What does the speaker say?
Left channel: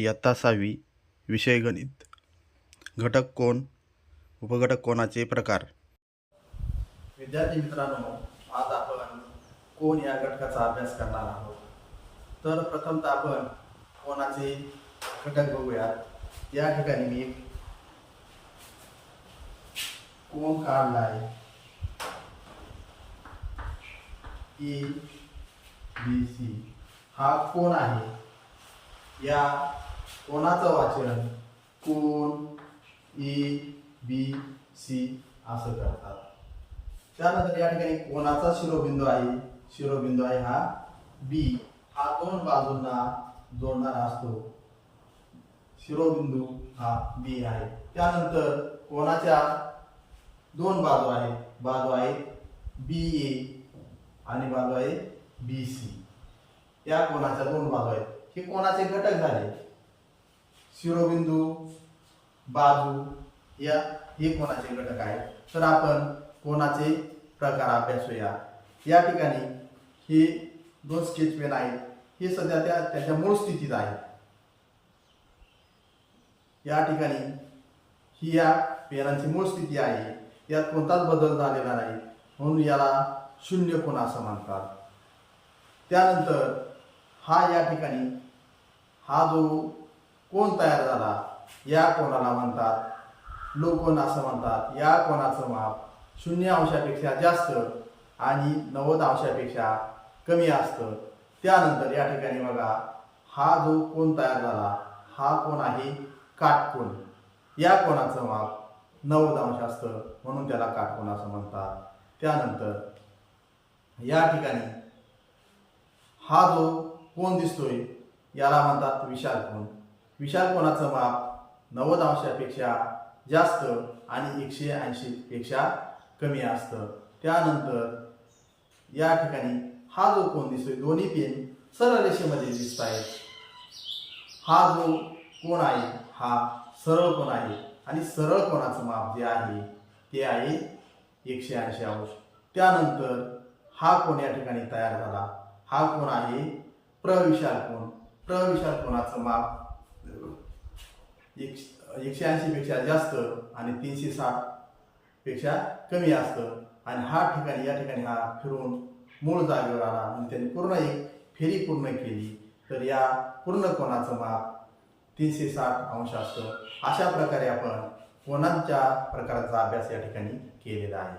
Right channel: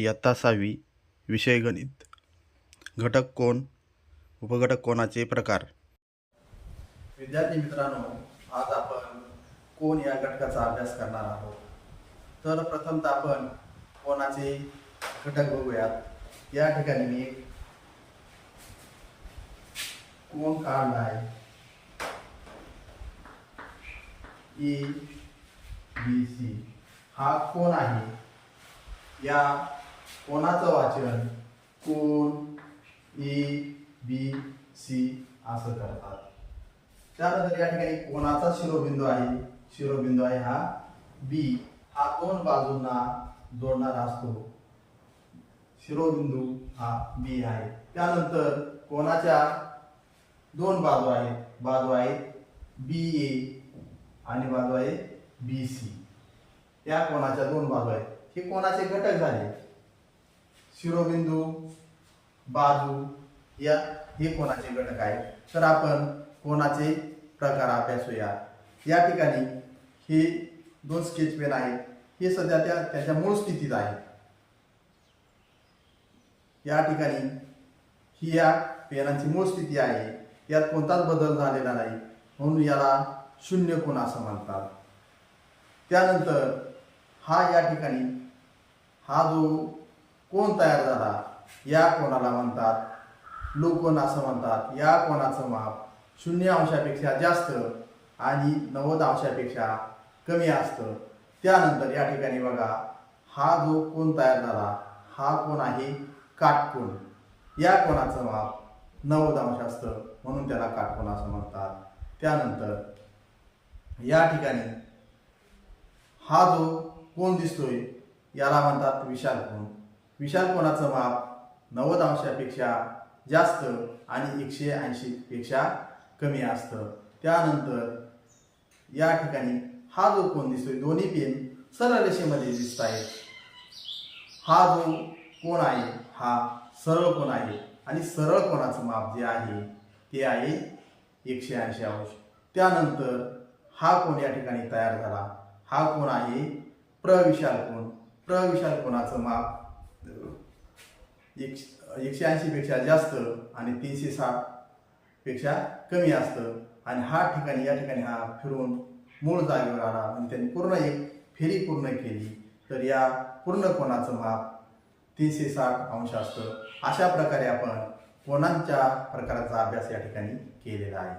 इयत्ता 6वी विषय गणित. घटक कोन, उपघटक कोनाचे प्रकार. विद्यार्थी मित्रांनो, आज आपण कोन या घटकाचा अभ्यास करणार आहोत. तर प्रथमतः आपण कोनाचे घटक बघूयात. या ठिकाणी मी एक कोन काढला आहे. ABC हा कोन आहे. या कोनाचं वाचन कोन ABC असं करतात. त्यानंतर या ठिकाणी कोनाचा शिरोबिंदू आहे. शिरोबिंदू आहे हा B. हा दोन बाजूंना जोडणारा असतो. शिरोबिंदू हा B आहे. त्यानंतर कोनाच्या दोन बाजू आहेत. बाजू आहेत BA आणि बाजू आहे BC. या कोनाच्या दोन बाजू आहेत. हे कोनाचे घटक झाले. शिरोबिंदू, बाजू या हे कोनाचे घटक आहेत. तर आपण कोनाचे प्रकार अभ्यासूया. या ठिकाणी हे दोन स्केच पेन आहेत. हे सध्या त्याच्या मूळ स्थितीत आहेत. या ठिकाणी ही या पेनांची मूळ स्थिती आहे. यात कोणताच बदल झालेला नाही, म्हणून याला शून्य कोन असं म्हणतात. त्यानंतर हा या ठिकाणी हा जो कोन तयार झाला, या कोनाला म्हणतात लोकोन असं म्हणतात. या कोनाचं माप 0 अंशापेक्षा जास्त आणि 90 अंशापेक्षा कमी असतं. त्यानंतर या ठिकाणी बघा, हा जो कोन तयार झाला हा कोन आहे काटकोन. या कोनाचं माप 90 अंश असतं, म्हणून त्याला काटकोन असं म्हणतात. त्यानंतर या ठिकाणी हा जो कोन दिसतोय याला म्हणतात विशाल कोन. विशाल कोनाचं माप 90 अंशापेक्षा जास्त आणि 180 पेक्षा कमी असतं. त्यानंतर या ठिकाणी हा जो कोन दिसतोय, दोन्ही पेन सरळ रेषेमध्ये दिसत आहेत. हा जो कोन आहे हा सरळ कोन आहे आणि सरळ कोनाचं माप जे आहे ते आहे 180 अंश. त्यानंतर हा कोन या ठिकाणी तयार झाला. हा कोन आहे प्रविशाल कोन. प्रविशाल कोनाचं माप 180 पेक्षा जास्त आणि 360 पेक्षा कमी असतं. आणि हा ठिकाणी या ठिकाणी हा फिरून मूळ जागेवर आला आणि त्यांनी पूर्ण एक फेरी पूर्ण केली, तर या पूर्ण कोनाचं माप 360 अंश असतं. अशा प्रकारे आपण कोनांच्या प्रकाराचा अभ्यास या ठिकाणी केलेला आहे.